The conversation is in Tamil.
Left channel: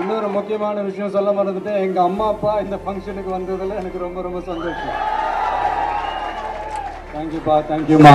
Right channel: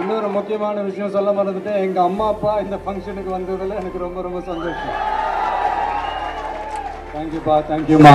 இன்னொரு முக்கியமான விஷயம் சொல்ல மறந்துட்டேன். எங்க அம்மா அப்பா இந்த ஃபங்க்ஷனுக்கு வந்ததுல எனக்கு ரொம்ப ரொம்ப சந்தோஷம். தேங்க்யூப்பா, தேங்க்யூமா.